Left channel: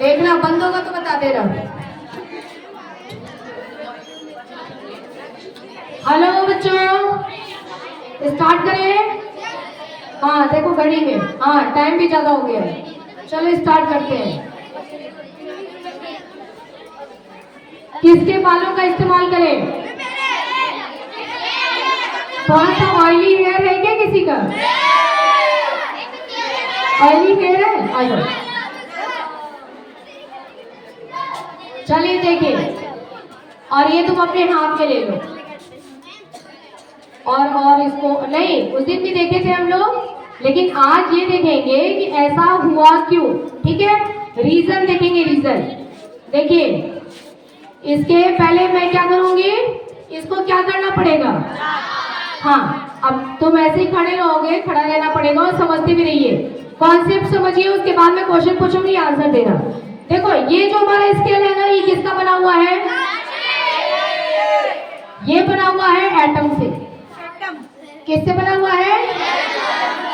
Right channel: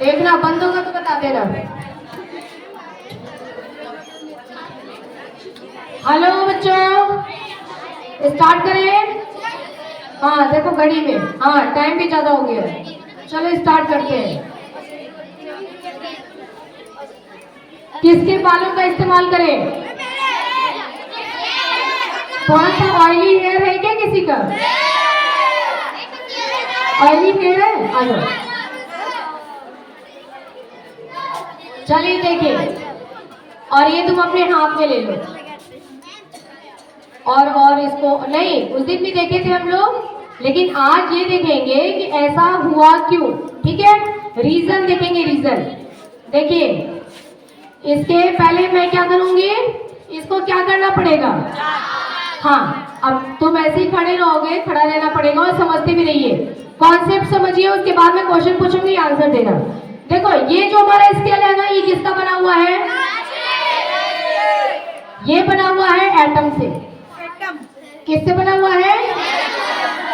देखना बंद होगा तो बता देना। हेलो बच्चों, स्टार्ट करें। हाँ देखो घड़ी में, हाँ टाइम भी ज्यादा हो गया है। चलो स्टार्ट करते हैं। किसके बालों का इस्तेमाल करें? थोड़ा सा ऑयली हेयर है क्या किसी का? ऑयली हेयर है? आयो चलिए देखिए, और ये तुम अपने हाथ में ले लो। और इसको नहीं, उस दिन भी देखे थे हम लोग, लेकिन आज ये देखेंगे कि ऐसा हुआ क्यों। ठीक है, रीजन देखेंगे। रीजन देखिए, इसके पहले मैं क्या करूंगी, इसको क्या करना पड़ेगा। हाँ, अब तुम ऐसे ही खड़े रहोगे, खड़ा रहना पड़ेगा और समझते भी रहिए, कॉन्सेप्ट समझिए, उसके बाद में क्वेश्चन पूछूंगी, आंसर देना। देखो ये जो हमारा स्केल है ना, ये किसका बना हुआ है? ये बना हुआ है एटम से। किससे बना हुआ है?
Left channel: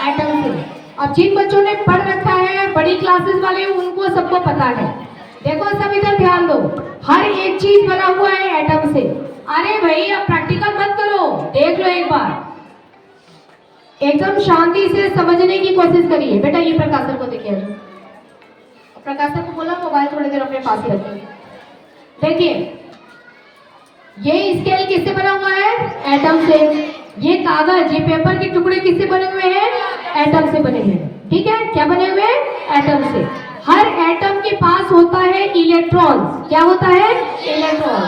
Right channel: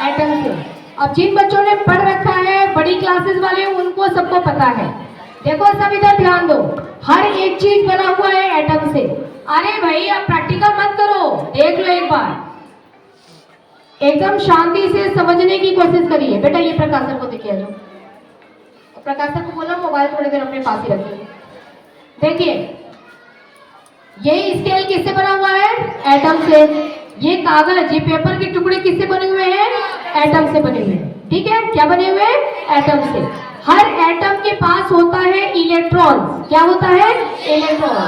एटम से। अब जिन बच्चों ने पढ़ रखा है, बड़ी क्लासेस वाले, उनको सबको पता है। देखो सब इधर ध्यान दो, हर एक चीज बना हुआ है एटम से। अरे भाई अब प्रैक्टिकल मत करो, देख लो एक बार, एकदम शांति से समझने की कोशिश करिए। बेटा ये प्रकाशन को देखिए, जो प्रकाशन को बोला मोबाइल थोड़ी देर अपने पास ही रखिए। देखिए ये स्केल किससे बना हुआ है? एटम से। ये कागज, ये पेपर के टुकड़े किससे बने हुए हैं? एटम से बने हुए हैं। ठीक है, क्या बने हुए? एटम से। हर एटम के पास होता है इलेक्ट्रॉन। क्या होता है? इलेक्ट्रॉन।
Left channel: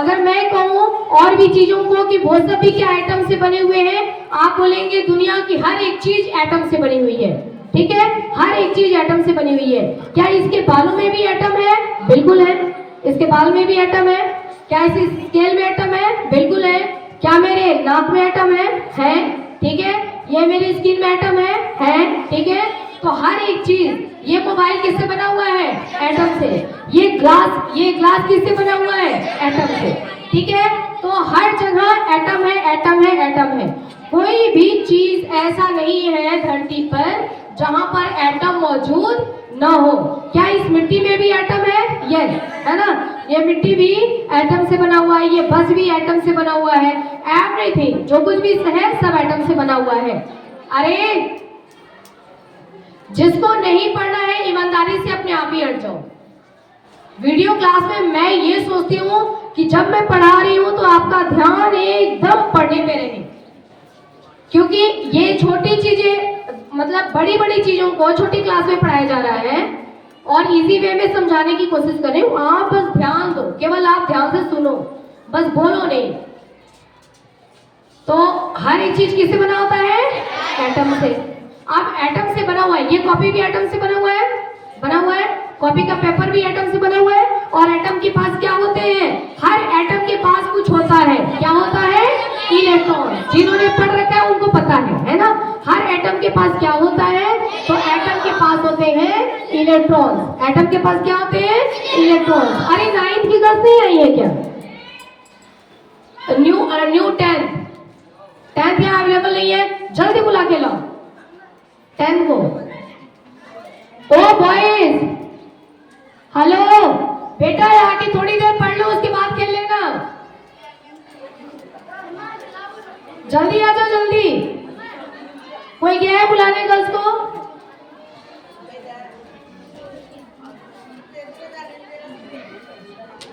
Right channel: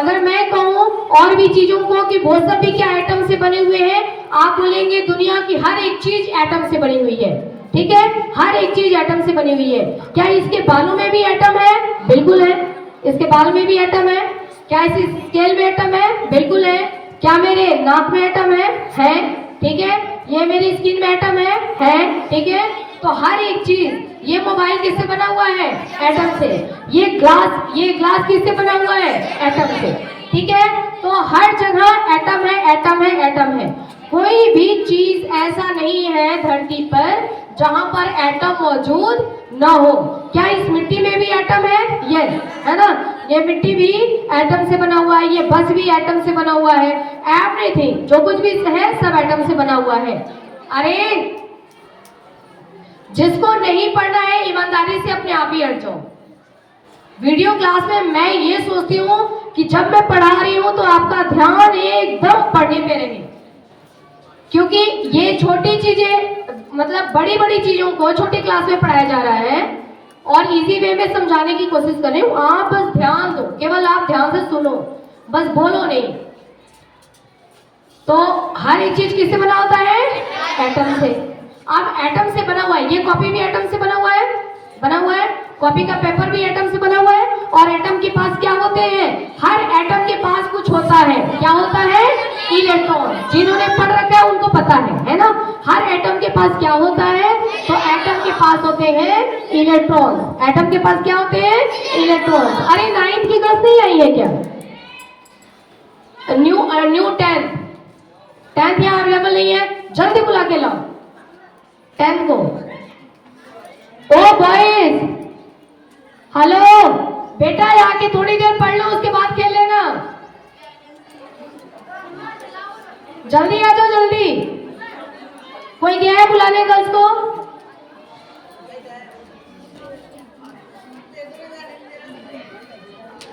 अगर मैं कहूं और भी चीजों को कि वो सब भी क्या एटम से बने हुए हैं, आप बोलेंगे दुनिया की हर एक चीज एटम से बनी हुई है। ठीक है, हर एक चीज एटम से बनी हुई है। क्या इसके बालों में भी एटम है? बिल्कुल है। इसके बाल में भी एटम है। क्या इस स्केल में एटम है? बिल्कुल है। क्या मेरे नाक में एटम है? है। ठीक है, ये मेरी स्किन में एटम है। ठीक है, तो हर एक चीज, ये मोबाइल किससे बना हुआ है? एटम से। ये ग्लास किससे बना हुआ है? एटम से। ठीक है, तो हर जगह एटम है, एटम है, एटम है। कोई भी चीज ऐसा नहीं है धरती पर जहां पर एटम मौजूद न हो। क्या इस मिट्टी में भी एटम है? यस, है ना, ये मिट्टी भी एटम से बना हुआ है, ये बस भी एटम से बना हुआ है। एवरीथिंग जो कुछ भी है सब एटम से बना हुआ है। अरे जिसको नहीं पढ़ना है ईमानदारी से अपने आप ही हट जाओ। वीडियो क्लास में मैं ये सोचती हूँ कि जब मैं पढ़ा रही हूँ तो आपका ध्यान एकदम पढ़ने पे रहे, क्योंकि ये छोटी चीजें, मतलब बड़ी बड़ी चीजों को छोटी क्लास में पढ़ाया जा रहा है और इजी वे में समझाने की कोशिश करें। आप बस ध्यान दो, केवल आप ध्यान से सुनो, बस बोलो नहीं। तो हर एक चीज किससे बना होता है? एटम से। अब एटम से बना हुआ है, ये कॉपी भी एटम से बना हुआ है, कॉपी का पेपर भी एटम से बना हुआ है। और एटम के पास क्या होते हैं? हर एटम के पास कुछ होता है। क्या होता है? इलेक्ट्रॉन। जिन्होंने पढ़ रखा है उनको पता है ना। हर एटम के पास क्या होता है? तो एटम के पास होते हैं इलेक्ट्रॉन। एटम के पास क्या होते हैं? इलेक्ट्रॉन। अरे 9th की क्लास नहीं आई है क्या? न्यू 10th यहाँ अवेलेबल नहीं है, जल्दी बुला के लाओ 10th को। ओ बॉयज, हेलो बेटा, यहाँ की थोड़ी देर पढ़ लो, उसके बाद खेल लेना। जल्दी आ जाओ, जल्दी। कोई गया है बुलाने गर्ल्स को?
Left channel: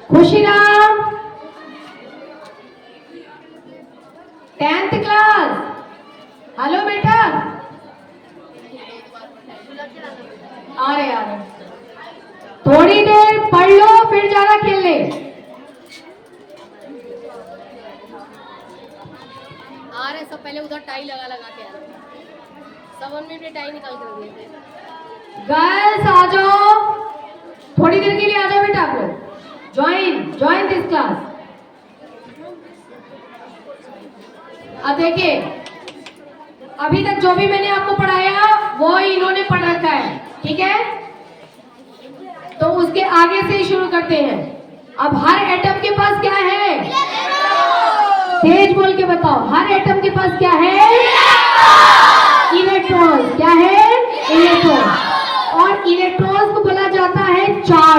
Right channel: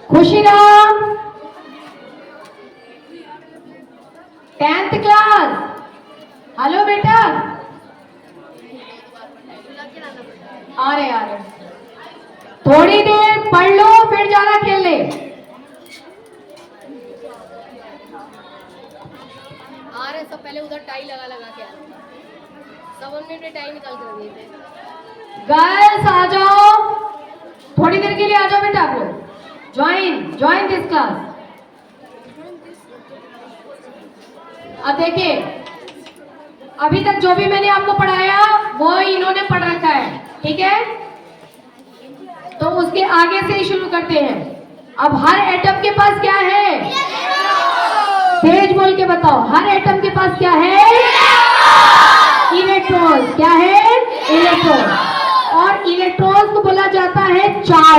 खुशीराम, 10th क्लास, हेलो बेटा। आ रहे थोड़ी देर पढ़ लो, फिर जाना खेलने। आ रहे सब, पहले उधर टाई लगा के आ रहे सब, हमने टाई निकाल के रख दिए थे। गर्ल्स आ जाओ, थोड़ी देर के लिए आ जाओ बेटा। आप लोग ज्वाइन दिस क्लास। अब देखिए, अभी तक जो भी मैंने आपको पढ़ाया वो इन्होंने पढ़ रखा है। ठीक है, तो उसके आगे से ही शुरू करते हैं। अब हर एटम के पास क्या है? तेज बोल के बताओ, हर एटम के पास क्या है? इलेक्ट्रॉन। क्या है? इलेक्ट्रॉन। और इलेक्ट्रॉन को बोला जाता है चार्ज।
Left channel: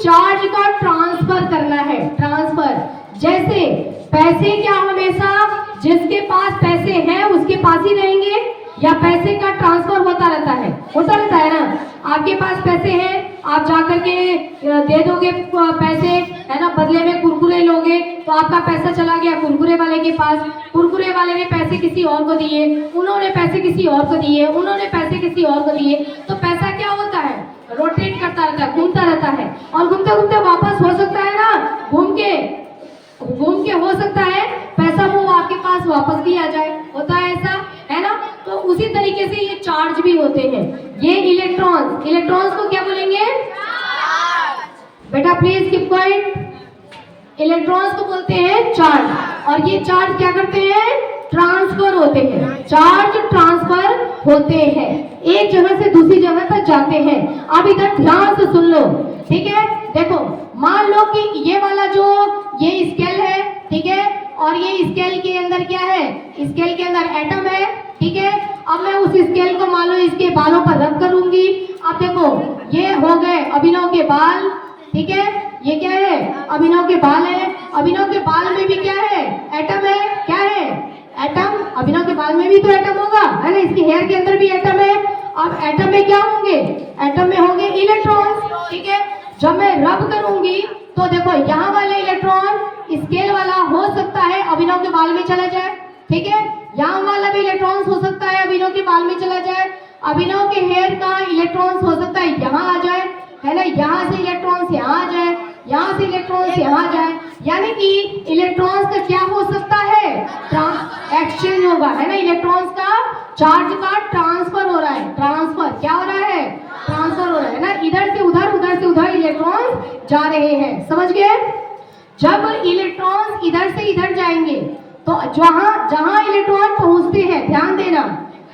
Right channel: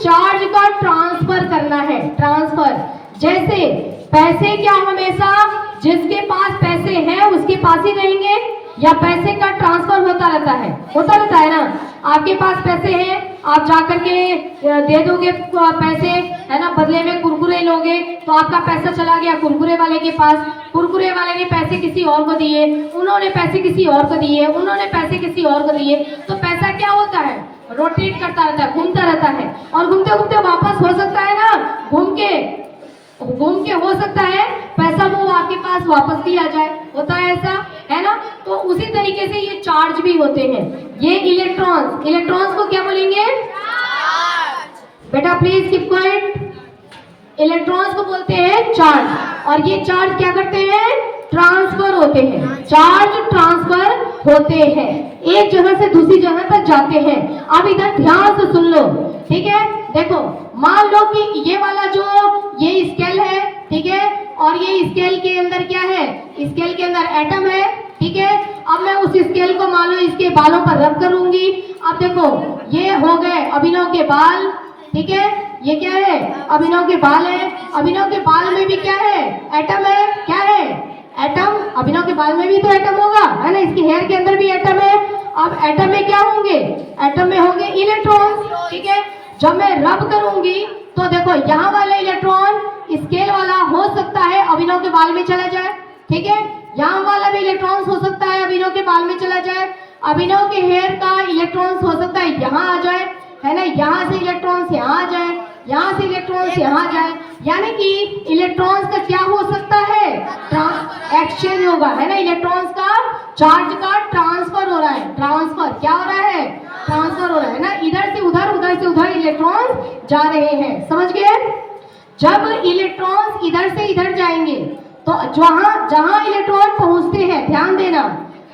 चार्ज का ट्रांसफर करना है, ट्रांसफर। जैसे पैसे क्या हमेशा जिसके पास पैसे हैं उसके पास ही रहेंगे, या पैसे का ट्रांसफर होता रहता है ना। आपके पास पैसे हैं, आप जाकर के दे दोगे पैसे, है ना, बदले में कुरकुरे लोगे, तो आपका पैसा चला गया कुरकुरे वाले के पास, कुरकुरे वाले ने पैसे किसी और को दिए, उन्होंने पैसे किसी और को दिए, उन्होंने पैसे किसी और को दिए, तो पैसा क्या होता है, रोटेट करता रहता है, घूमता रहता है, और घूमते घूमते वापस हो सकता है ना, घूम के हो सकता है पैसा वो आपके पास वापस भी आ जाए, होता है ऐसा, है ना। तो उसी तरीके से ये चार्ज भी होते हैं। ये इलेक्ट्रॉन्स को क्या बोलेंगे, बेटा प्लीज कीप क्वाइट। इलेक्ट्रॉन्स को बोलते हैं चार्ज, और ये चार्ज क्या करते हैं, ट्रांसफर होते हैं, चार्ज ट्रांसफर होते हैं, एक जगह से दूसरी जगह तक जाते हैं। अब इधर ध्यान से सुन लो, ठीक है। देखो मान लो कि ये वाला जो ये स्केल है, ठीक है, और ये स्केल के अंदर क्या है, स्केल के अंदर एटम है, ठीक है। अब मैं उस स्केल को मान लो इसके बालों पर रब करूंगी। अब देखो ये हो गए अभिनव के बाल, ठीक है, ये क्या है, अभिनव के बाल है। अभिनव के बाल में भी क्या है, एटम है, क्या है, एटम। अभिनव के बाल में भी तो एटम होगा, है ना, इसके हेयर के अंदर भी एटम है। अब एटम में क्या होंगे, एटम में होंगे इलेक्ट्रॉन्स, ठीक है। जब मैं रब करूंगी तो देखो यहाँ वाला इलेक्ट्रॉन स्केल वाला हो सकता है अभिनव के बाल में चला जाए, ठीक है। यहाँ वाला भी इलेक्ट्रॉन्स हो सकता है अभिनव के बाल में चला जाए। अभिनव के हेयर का इलेक्ट्रॉन्स हो सकता है यहाँ आ जाए, है ना, यहाँ से इलेक्ट्रॉन्स यहाँ आ जाए, यहाँ से इलेक्ट्रॉन्स यहाँ आ जाए। यानी कि इलेक्ट्रॉन्स का क्या हो सकता है, एक्सचेंज होगा, है ना। इलेक्ट्रॉन्स का चार्ज का ट्रांसफर हो रहा है, ट्रांसफर क्या हो रहा है, ट्रांसफर हो रहा है ना, इधर से उधर, उधर से उधर इलेक्ट्रॉन्स जा रहे हैं, समझ गए। जब इलेक्ट्रॉन्स इधर से इधर जाएंगे तो जहां इलेक्ट्रॉन पहुंचते हैं, ध्यान देना,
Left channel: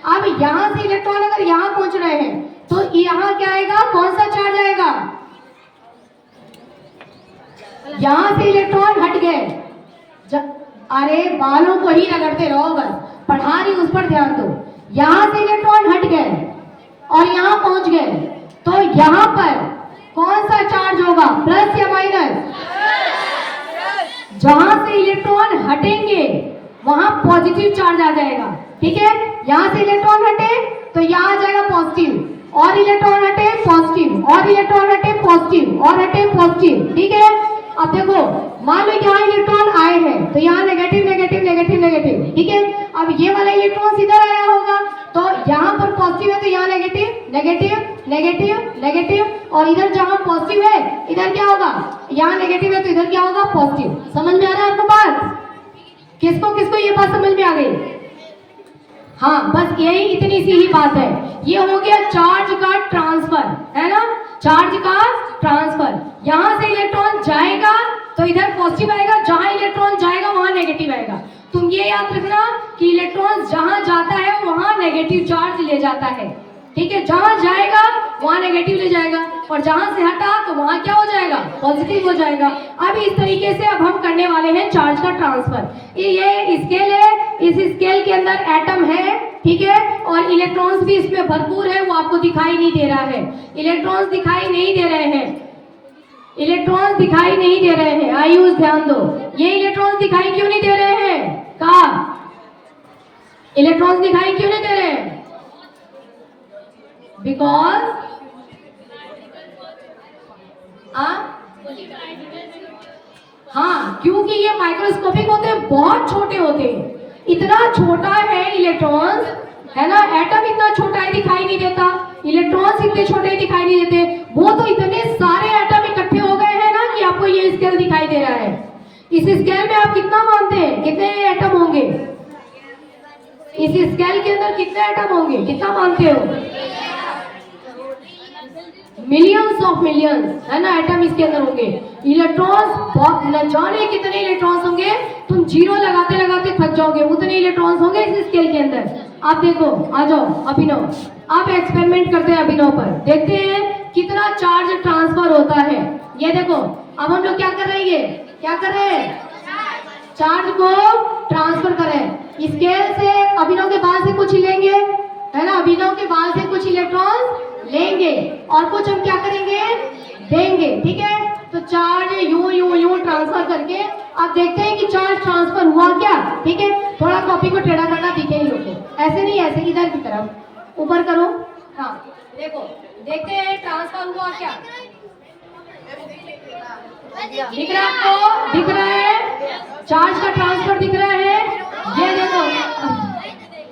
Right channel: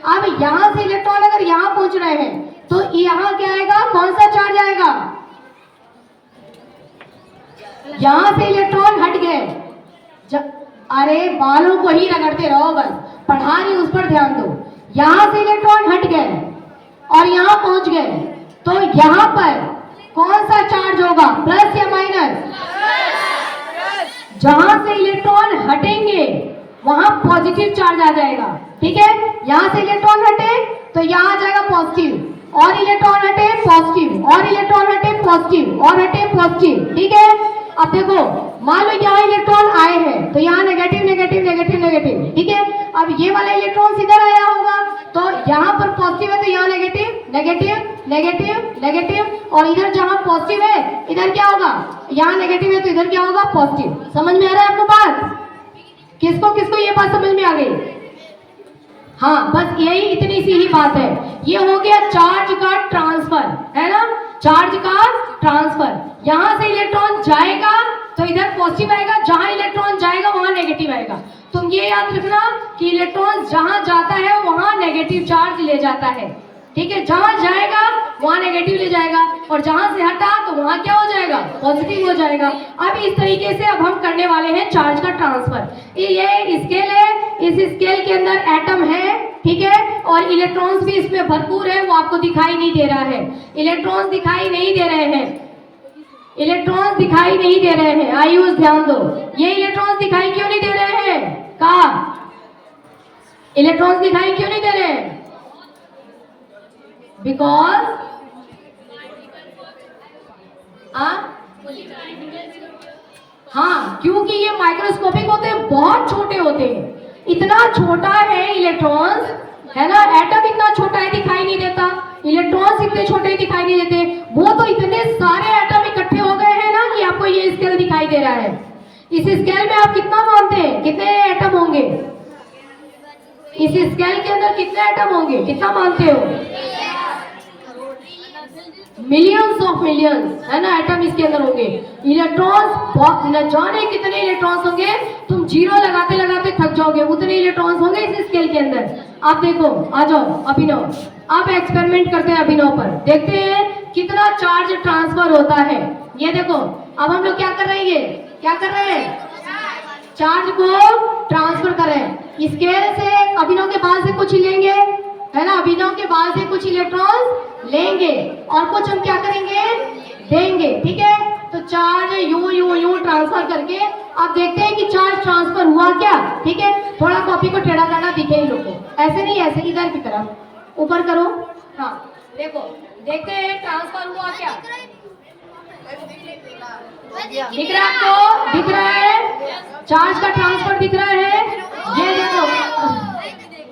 अब यहां से इलेक्ट्रॉन अगर यहां पहुंच रहे हैं तो यहां क्या आएगा, कौन सा चार्ज आएगा, यहां से इलेक्ट्रॉन हट गए। अरे बालों को ही रगड़ते रहो, बस पढ़ा रही उस पर ध्यान दो। यहां से इलेक्ट्रॉन हट गए और यहां पहुंच गए, तो यहां पर कौन सा चार्ज होगा, प्लस या माइनस। जहां से इलेक्ट्रॉन हटेंगे वहां पॉजिटिव चार्ज आ जाएगा, ठीक है। यहां से इलेक्ट्रॉन हटे तो यहां आ जाएगा पॉजिटिव, और इलेक्ट्रॉन हटे पॉजिटिव, और इलेक्ट्रॉन हटे पॉजिटिव, और हटे पॉजिटिव, ठीक है। अब देखो मान लो कि यहाँ इलेक्ट्रॉन आए हैं तो यहाँ नेगेटिव नेगेटिव नेगेटिव नेगेटिव, ठीक है। अब ये वाला इलेक्ट्रॉन इधर आया होगा तो यहाँ पर पॉजिटिव है तो यहाँ नेगेटिव नेगेटिव नेगेटिव नेगेटिव, और इधर जहाँ पॉजिटिव है इधर क्या होगा, यहाँ नेगेटिव है तो इधर क्या होगा, पॉजिटिव। समझ में आ रहा है आपको बात, किसको किसको ये बात समझ में आ गई। हाँ बस यही इतनी सी ही बात है। ये हो गया चार्ज का ट्रांसफर, है ना, चार्ज का ट्रांसफर। यहाँ से इलेक्ट्रॉन जाएगा तो इधर पॉजिटिव आएगा, जहां इलेक्ट्रॉन जाएगा वहां नेगेटिव आएगा। तुम ये याद रखना कि इलेक्ट्रॉन जहां जाता है वहां नेगेटिव चार्ज ले जाता है, ठीक है। जहां जाएगा वहां नेगेटिव ले जाएगा, और जहां से हटा तो वहां क्या हो जाएगा, पॉजिटिव हो जाएगा। अब इस तरीके से अब हम करने वाले हैं चार्ज का ट्रांसफर। ये स्केल है, इस स्केल के अंदर एटम है, ठीक है, और इलेक्ट्रॉन्स भी इसमें भरपूर है, वो आपको दिखाई नहीं दे रहा है। इलेक्ट्रॉन्स दिखाई नहीं दे रहे हैं, इलेक्ट्रॉन्स दिखाई नहीं दे रहे हैं, आयुष ध्यान दो। ये इलेक्ट्रॉन्स दिखाई क्यों नहीं दे रहे हैं, कहा इलेक्ट्रॉन्स दिखाई क्यों नहीं दे रहे हैं, बिकॉज हाँ, क्योंकि ये माइक्रोस्कोपिक होते हैं, बहुत छोटे होते हैं। इतना छोटा है इलेक्ट्रॉन्स, है ना, एटम इतना छोटा है दिखाई नहीं देता, इलेक्ट्रॉन्स इतने छोटे दिखाई नहीं देते। वो तो इतने सारे एटम इकट्ठे हो गए हैं ना कि आपको ये स्केल दिखाई दे रहा है। इस स्केल में आप कितना मानते हैं, कितने एटम होंगे, इस स्केल के अंदर कितने एटम होंगे, कितना मानते हो, मिलियंस ऑफ मिलियंस, है ना, एटम इसके अंदर होंगे। इलेक्ट्रॉन्स न जाने कितने इलेक्ट्रॉन्स होंगे, तुम जीरो लगाते लगाते थक जाओगे, उतने इलेक्ट्रॉन्स होंगे इस स्केल के अंदर। आप देखो, आ जाओ अभिनव, आप एक्सपेरिमेंट करते हैं अभिनव पर, देखते हैं कितना चार्ज ट्रांसफर होता है। ये देखो अब हम लोग क्या कर रहे हैं, क्या कर रहे हैं, चार्ज को ट्रांसफर कर रहे हैं। स्केल से अभिनव के बाल से कुछ लेंगे, है ना, अभिनव के बाल से कुछ इलेक्ट्रॉन लेंगे, और कुछ हम क्या करेंगे, देंगे, ठीक है। तो charge you you you transfer करके आप देखते हैं कि चार्ज ट्रांसफर हुआ क्या, ठीक है। थोड़ा कॉपी को टेढ़ा करना दिखे ही लोगों को, ऐसे नहीं, ऐसे इधर की तरफ ऊपर करो। हाँ देखो, देखते हैं ट्रांसफर हुआ क्या, दिख रहा है आपको, दिख रहा है चार्ज का ट्रांसफर दिख रहा है, ये देखो।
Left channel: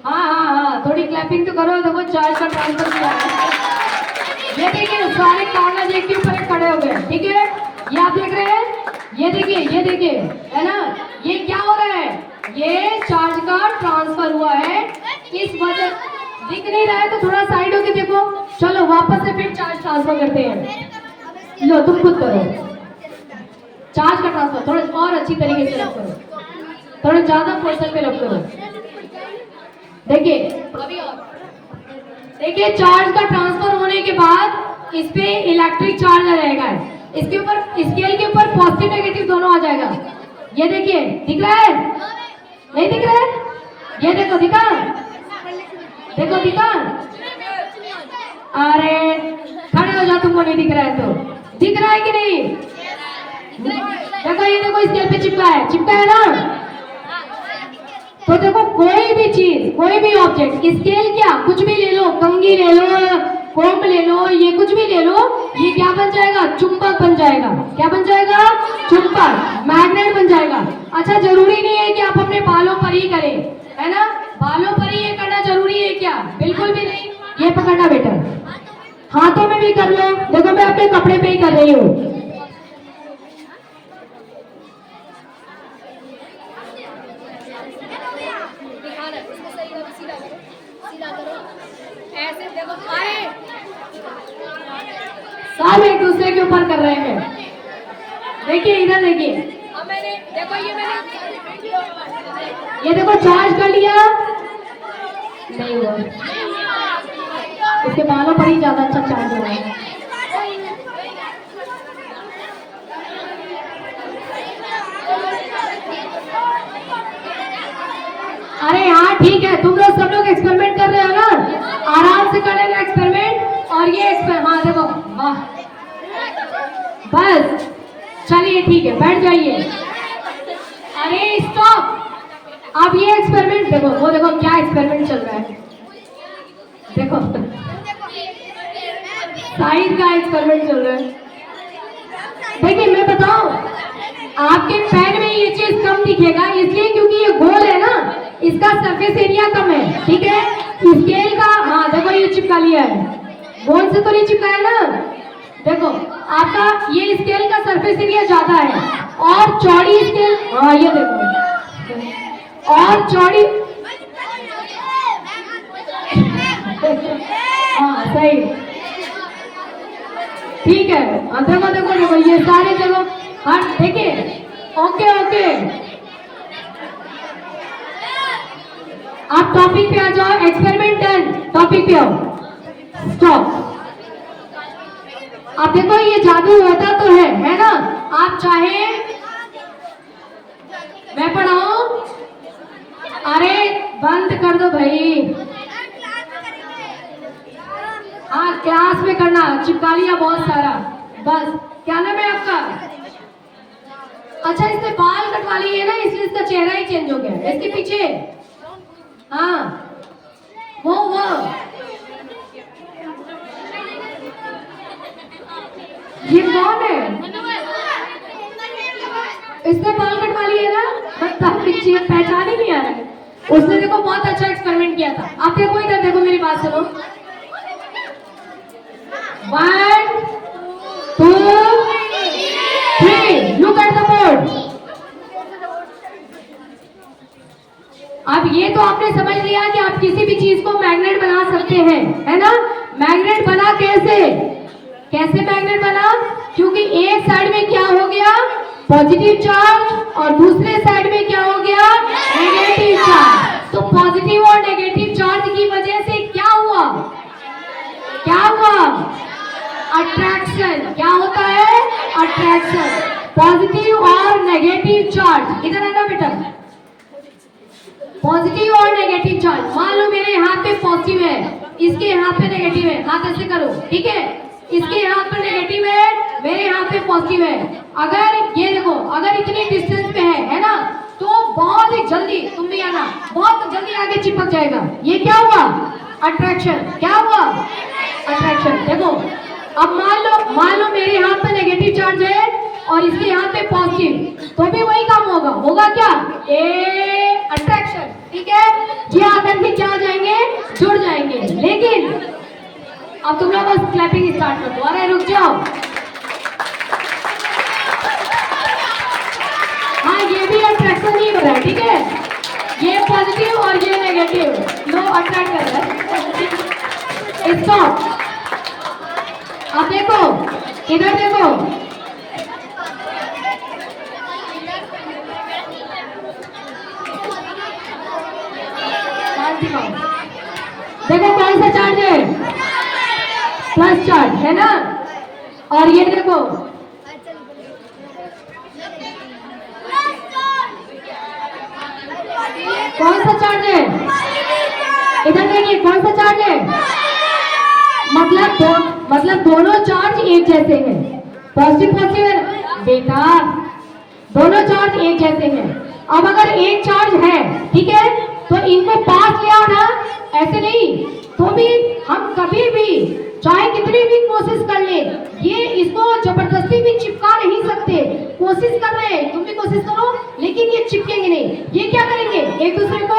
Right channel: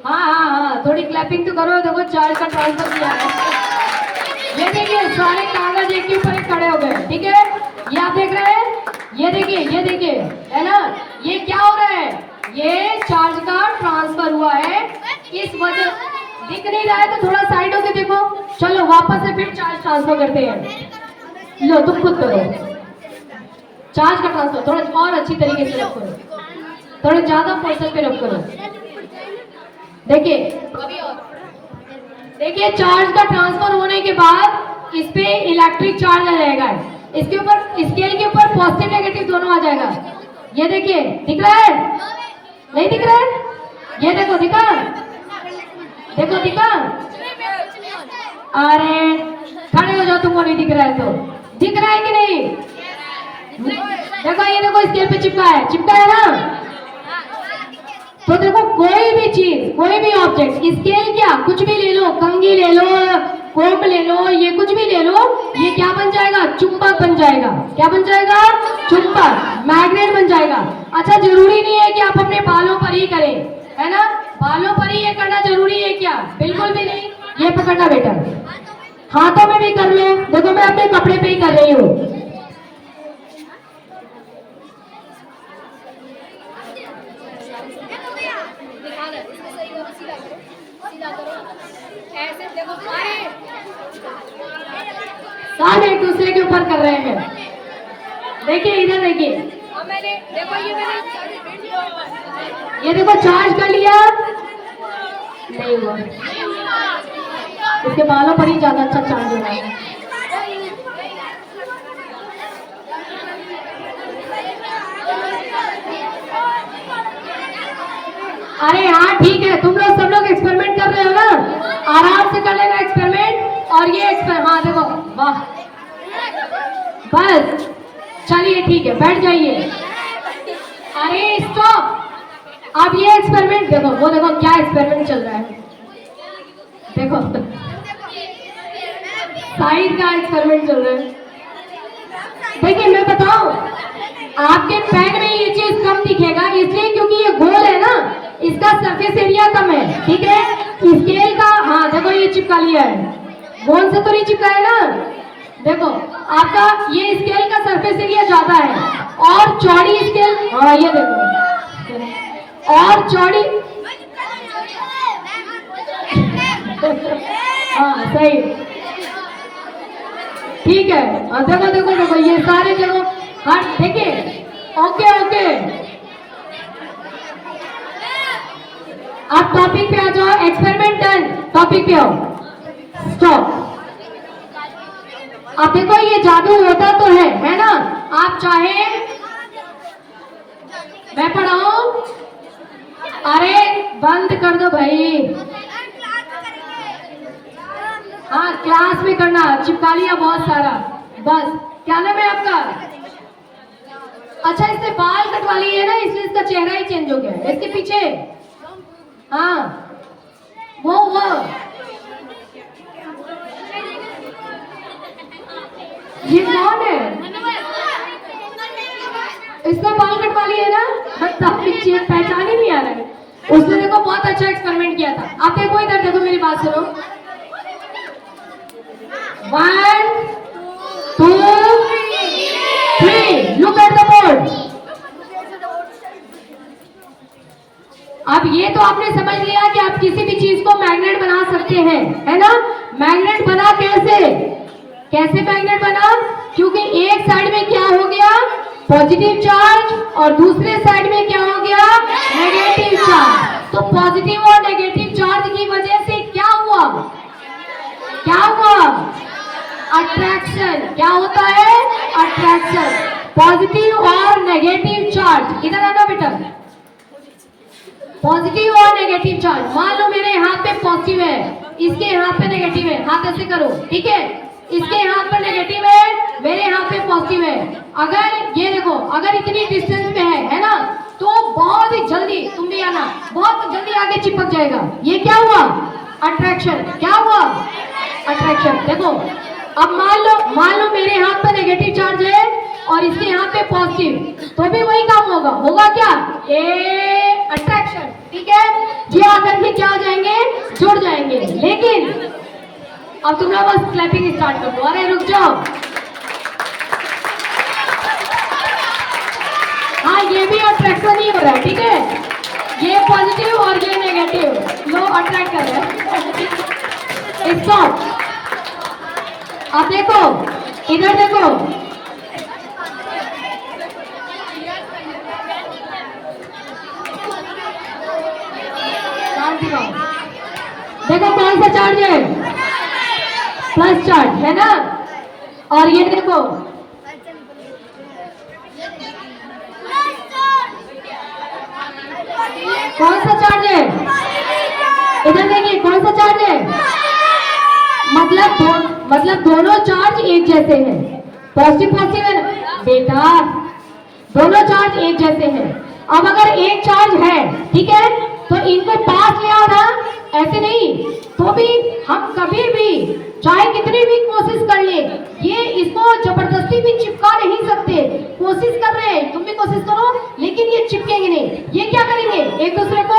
हाँ हाँ हाँ, थोड़ी क्लैपिंग तो करो, देखो चार्ज का ट्रांसफर किया है। ये देखिए सारे कागज एक के ऊपर एक खड़े हो गए, ठीक है। ये आप देख रहे हैं, ये देखिए है ना, ये क्या हो रहा है, ये चार्ज का ट्रांसफर हुआ है। इस वजह दिख नहीं रहा है तो थोड़ा साइड होके देखो। चलो वापस से फिर चार्ज ट्रांसफर करते हैं। लो तुम खुद करो चार्ज का ट्रांसफर, थोड़ा और अच्छी तरीके से रख करो, थोड़ा ज्यादा फोर्स पे रख करो। देखिए अभी और देखिए, चार्ज का ट्रांसफर होने के बाद इस पे इलेक्ट्रिक चार्ज आ जाएगा, इसके ऊपर स्केल के ऊपर पॉजिटिव नेगेटिव दोनों आ जाएगा। ये देखिए दिख रहा है, नहीं दिख रहा है, ये देखो दिखा, देखो दिखा। अरे खड़े हो जाओ, तुमको नहीं दिख रहा है तो, दिख रहा है कि नहीं, देखो ये देखो स्केल पे चिपका है ना। तो देखो कोई भी चीज, कोई भी ऑब्जेक्ट, स्केल क्या कुछ भी ले लो, कंघी ले लो, फोम ले लो, ये कुछ भी ले लो, ये क्या बन जाएगा, चुंबक बन जाएगा। क्या बन जाएगा, चुंबक, मैग्नेट बन जाएगा। अच्छा जरूरी नहीं है कि आप अपने बालों पर ही करें, है ना, बालों पर ही ये करना जरूरी है क्या, बिल्कुल भी नहीं। ये पकड़ना बेटा, हाथों में भी कर लो, देखो मैं अपने कपड़े पे ही कर रही हूँ। ऐसे देखो सारे एक दूसरे के ऊपर कर रहे हैं। देखिए इधर देखिए, ये देखो चार्ज कर लिया, नहीं हुआ, इसके बालों पर ही ज्यादा अच्छा चार्ज हो रहा है। अरे हाँ ठीक है, तुम लोग सब लोग एक्सपेरिमेंट कर रहे हो ना, आराम से कर लेना एक्सपेरिमेंट। और ये हाँ देखो, वाह, बस चलिए ठीक है, बैठ जाइए। अरे स्टॉप, अब ये एक्सपेरिमेंट देखो, वो देखो क्या एक्सपेरिमेंट चल रहा है, देखो साइड का एक्सपेरिमेंट चल रहा है। देखिए मैं बताऊं, आपके पेन में ये चीज कम दिखेगा इसलिए क्योंकि ये गोल है ना, इसका सरफेस एरिया कम है, ठीक है। स्केल का हाँ देखो ये चिपका लिया है, गोल से तो नहीं चिपका है ना। देखो आपका ये स्केल का सरफेस एरिया ज्यादा है, और चौड़ी स्केल, हाँ ये देखो, और चौड़ी, हाँ सही, ठीक है। हाँ देखो देखो देखो, ये सारे देखो, हाँ देखिए, ओके ओके, आप टॉपिक पे आ जाओ, एक्सपेरिमेंट डन, टॉपिक पे आओ, स्टॉप। आप देखो ये जादू होता तो है ना, आप चाहे मैं पढ़ाऊं, अरे बंद कर दो भाई, हाँ क्लास में करना, चिपका लिया बहुत सारा, बस। क्या नाम है आपका, अच्छा इसने बाल कटवा लिए ना, इसलिए इसका चेहरा ही चेंज हो गया, इसके पीछे, हाँ वो ये कौन है, इसने बाल कटवा लिए ना, पीछे पहचान ही नहीं आ रहा है। उसने देखो बहुत अच्छा एक्सपेरिमेंट किया था। आप देखो इधर देखो, मेरी बात सुनो, 1 2 3, लुक एट द बोर्ड। अब ये तो आपने समझ लिया कि आप किसी भी चीज को मैग्नेट बना सकते हैं, है ना। मैग्नेट बना कैसे मैग्नेट बना, क्योंकि एक साइड में क्या हो गया, पॉजिटिव चार्ज, और दूसरे साइड में क्या हो गया, नेगेटिव चार्ज। तो पॉजिटिव और नेगेटिव चार्ज की वजह से क्या हुआ, अट्रैक्शन। क्या होता है, अट्रैक्शन। पॉजिटिव और नेगेटिव चार्ज, इधर आना बेटा, पॉजिटिव और नेगेटिव चार्ज। मान लो मेरे हाथ पे पॉजिटिव है, इसके हाथ पे नेगेटिव है, हाथ ऐसे करो, ठीक है। इसके हाथ पर नेगेटिव है, पॉजिटिव है। अगर ये देखो, अगर इतनी डिस्टेंस पे है ना, तो बहुत ही जल्दी तुम भी आना, बहुत जल्दी आगे चिपक जाएगा। ये क्या हुआ? अट्रैक्शन। क्या हुआ? अट्रैक्शन। देखो अब मान लो मेरे हाथ पे नेगेटिव चार्ज है और इसके यहाँ पे पॉजिटिव, तो भी वही काम होगा। होगा क्या? ए अट्रैक्शन। ठीक है, ये आकर के क्या हो जाएंगे? जुड़ जाएंगे। लेकिन अब तुम लोग बस क्लैपिंग स्टार्ट कर दो। अरे रुक जाओ। हाँ, ये भी अट्रैक्शन ही हो रहा है। ठीक है, ये पॉजिटिव और ये नेगेटिव लो अट्रैक्ट कर रहे हैं। इसको आप देखो, इधर देखो, देखो कौन सा चार्ज है? प्लस चार्ज है ना। और ये देखो, कौन सा चार्ज है? इधर देखिए, कौन सा चार्ज है? मतलब दोनों चार्ज एक जैसे हैं। पॉजिटिव पॉजिटिव है ना बेटा, दोनों चार्ज एक जैसे हैं। अब अगर एक चार्ज है, ठीक है, तो इनको पास ले आओ ना, ऐसे नहीं। तो भी हम कभी भी चाहे कितनी भी कोशिश कर ले, ये इसको जबरदस्ती भी चिपका नहीं सकते। कोशिश कर रहे हैं, तुम भी कोशिश करो, लेकिन ये चिपकेंगे नहीं। ये क्या करेंगे? एक दूसरे को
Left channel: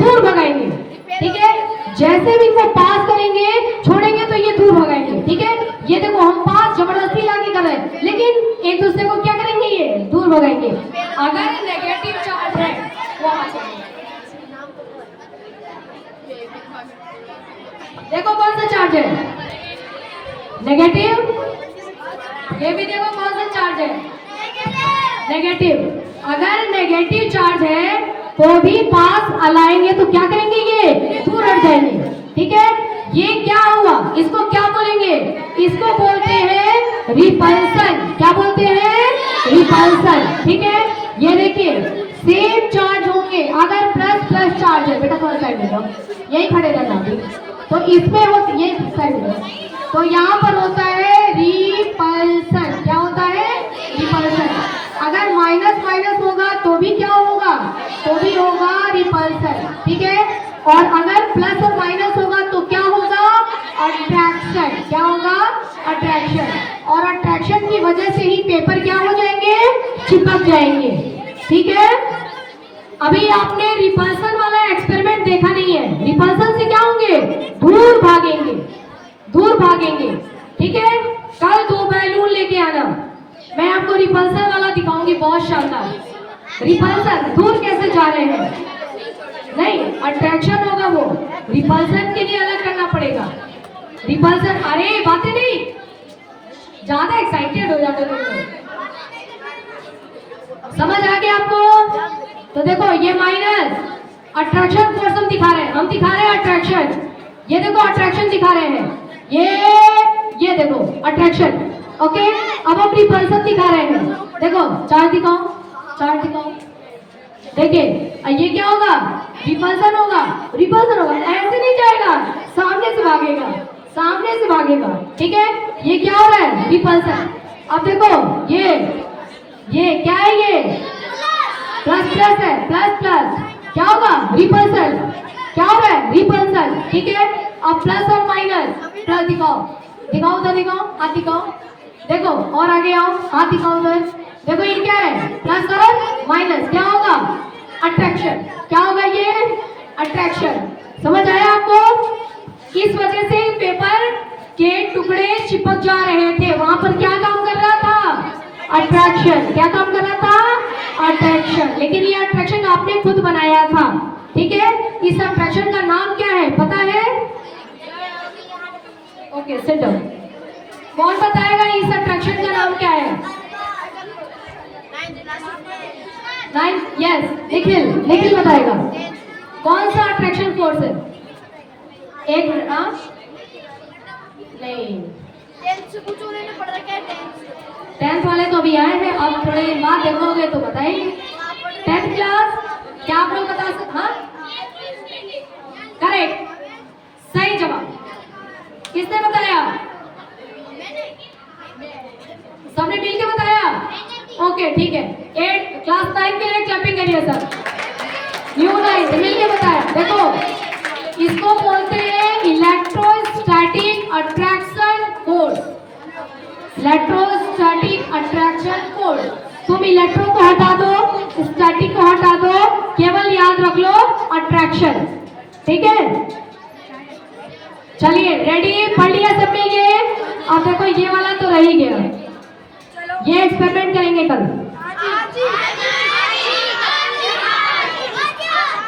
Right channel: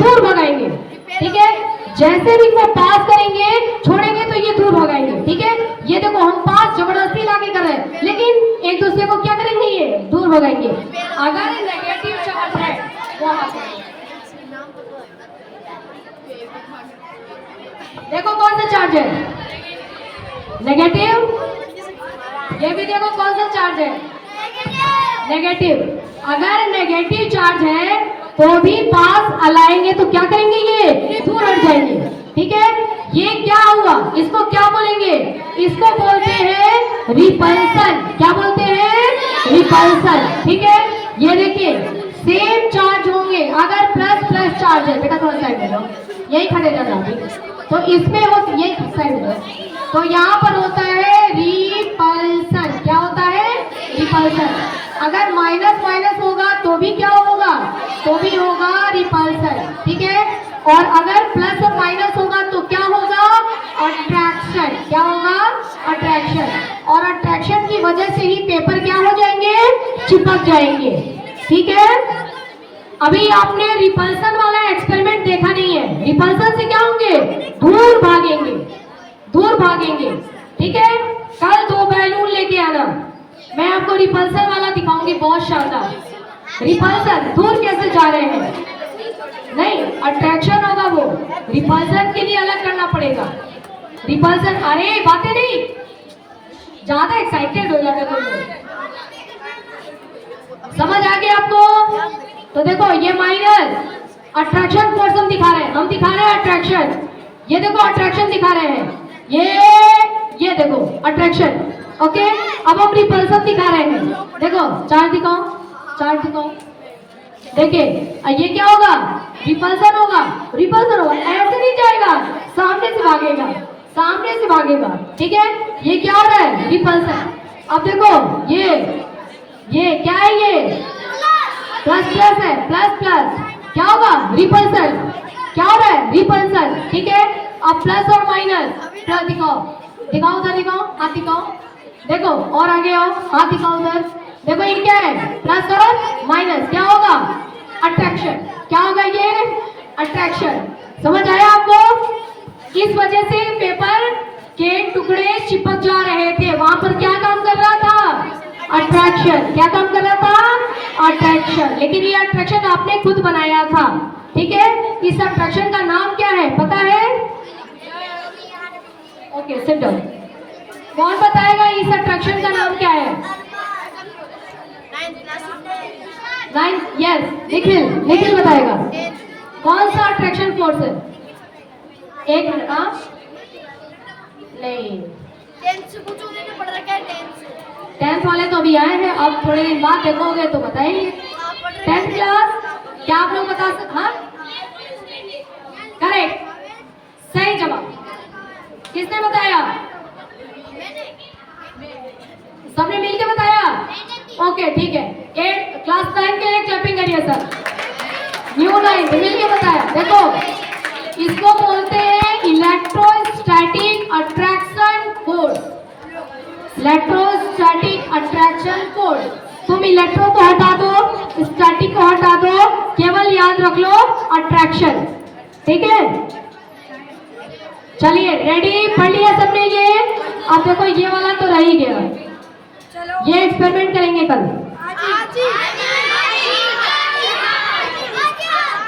दूर भगाएंगे। ठीक है, जैसे भी इनको पास करेंगे, छोड़ेंगे तो ये दूर भगाएंगे। ठीक है, ये देखो हम पास जबरदस्ती लाके कर रहे हैं, लेकिन एक दूसरे को क्या करेंगे? ये दूर भगाएंगे। अगर नेगेटिव चार्ज है, देखो कौन सा चार्ज है? नेगेटिव। ये भी देखो कौन सा चार्ज है? नेगेटिव। अगर नेगेटिव चार्ज है तो भी पास अलाएंगे तो क्या करेंगे? ये दूर हट जाएंगे। ठीक है, ये क्या हुआ? इसको क्या बोलेंगे? इसको बोलते हैं रिपल्सन। क्या बोलते हैं? रिपल्सन। ठीक है, ये देखिए सेम चार्ज होंगे। अगर प्लस प्लस चार्ज है, बेटा थोड़ा साइड में लो, यही खड़े रहना अभी। तो इसमें हो ये साइड में, तो यहाँ पर होता है रिपल्सन। क्या होता है? रिपल्सन। अगर माइनस माइनस होगा तो भी क्या होगा? तो भी होगा रिपल्सन। ठीक है, और अगर प्लस और माइनस होगा तो क्या होगा? अट्रैक्शन। क्या होगा? अट्रैक्शन। और अट्रैक्शन की वजह से ही पेपर क्या हो जाएंगे? चिपक जाएंगे। ठीक है, अभी आपने रिपल्सन वाला एक्सपेरिमेंट देखा नहीं है। रिपल्सन से क्या होंगे? दूर भागेंगे, दूर भागेंगे। ठीक है, कल 2 बैलून लेके आना, मैं आपको रिपल्सन वाला दिखाऊंगी, बहुत शानदार। रिपल्सन दूर कैसे जा रहे हैं? नहीं, अट्रैक्शन होगा वो। रिपल्सन के लिए अलग करना पड़ेगा। रिपल्सन, अरे बातें नहीं, ज्यादा एक्साइटेड हो जाते तुम लोग। समझ आ गया आपको? तो देखो ये माइनस अट्रैक्शन फोर्स हम दिखा रहे हैं, हम दिखा रहे हैं अट्रैक्शन। ये देखो अट्रैक्शन दिखा रहे हैं, ये देखो अट्रैक्शन। ओके, अब हम रिपल्सन दिखा रहे हैं। देखो चार्ज दिखाओ, चार्ज दिखाओ। देखिए ये क्या होगा? रिपल्सन होगा। रिपल्सन होगा, ऐसे नहीं जाएगा, सामने से भागेगा, सामने से भागेगा। ठीक है, ये क्या हो रहा है? रिपल्सन। अब देखो ये क्या है? ये प्लस प्लस है, प्लस प्लस क्या होगा? रिपल्सन। क्या हो रहा है? रिपल्सन। ठीक है, अब प्लस और माइनस, प्लस दिखाओ, दिखाओ उधर, दिखाओ हाथ दिखाओ। देखो और आगे आओ, हाथ दिखाओ उधर। देखो ये क्या है? प्लस और माइनस, क्या होगा? अट्रैक्शन। क्या होगा? ये अट्रैक्शन। समझ आया आपको? इस वजह से पेपर के टुकड़े चिपक जा रहे थे। वहां पर क्या काम कर रहा था? अट्रैक्शन। क्या काम कर रहा था? अट्रैक्शन। लेकिन ये अट्रैक्शन आपने खुद बनाया था। ठीक है, इस अट्रैक्शन का नाम क्या है पता है? Okay, sit down. कौन बताएगा इस अट्रैक्शन का नाम क्या है? यस, निखिल बताएगा। कौन सा अट्रैक्शन फोर्स है? एक मिनट। हाँ नहीं, 10th वाले तो अभी आए हैं, अब थोड़े दिन बाद देखोगे तो बताइए। 10th क्लास, क्या आप लोग बता सकते? हाँ करेक्ट, सही जवाब। किसने बताया? सबने मिलकर बताया। ठीक है, चलिए रेडी, पढ़ लिया सबने ये। अब देखो ये वाला तो रह ही गया, ये एक्सपेरिमेंट करेंगे कल।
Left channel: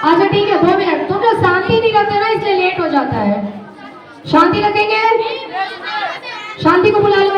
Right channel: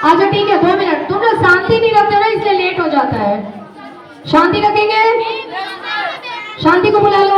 अच्छा ठीक है, 2 मिनट। तुम लोग शांति नहीं रखते ना, इसलिए लेट हो जाता है। शांति रखेंगे, शांति को बुला लो।